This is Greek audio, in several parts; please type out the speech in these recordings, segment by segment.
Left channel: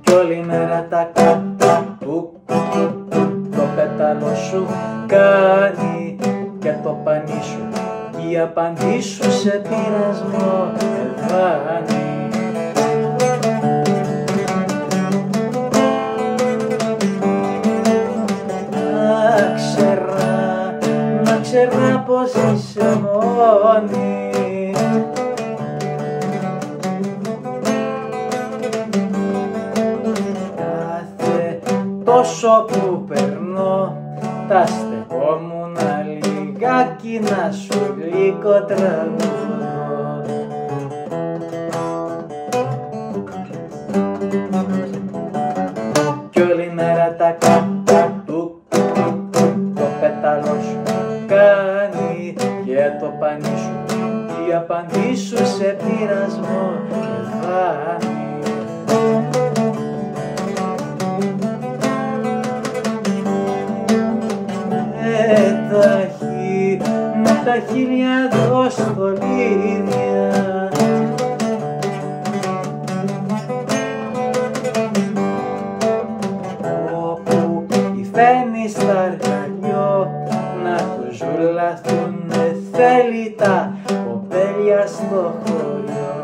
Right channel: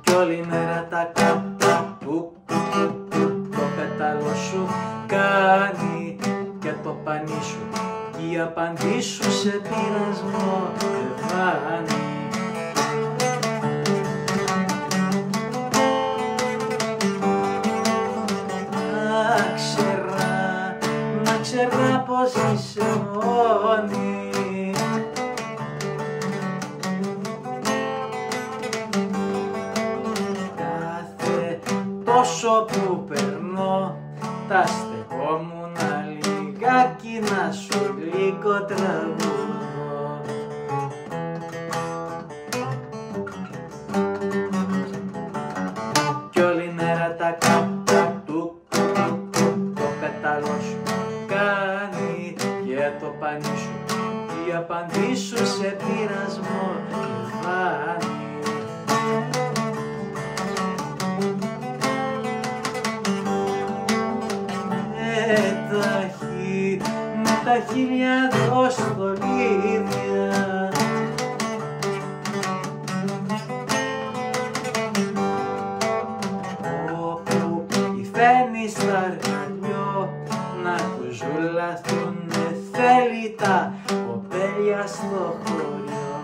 Κι όλη μέρα τα κατά του το πέταλο σου κάνει και το πανί σου κι η απαντή σου σε πειρασμό εδάνει. Να ξέρα πως είσαι μόνη, κάθε τόσο που περνώ τα στεγόμουνα λιγάκι να σου γλυκό τραγουδώ. Κι όλη μέρα τα κατά του το πέταλο σου κάνει και το πανί σου κι η απαντή σου σε πειρασμό εδάνει. Με τα χίλια δοστολίδια όπου υφαίνει στα αργαλιό να του ζουλαθούνε θέλει τα κοπέλια στο χωριό.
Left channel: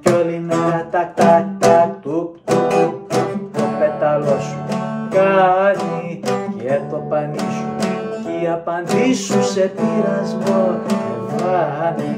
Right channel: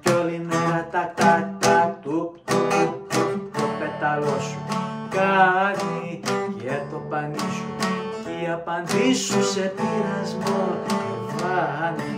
Κι όλη μέρα τα κατά του το πέταλο σου κάνει και το πανί σου κι η απαντή σου σε πειρασμό εδάνει.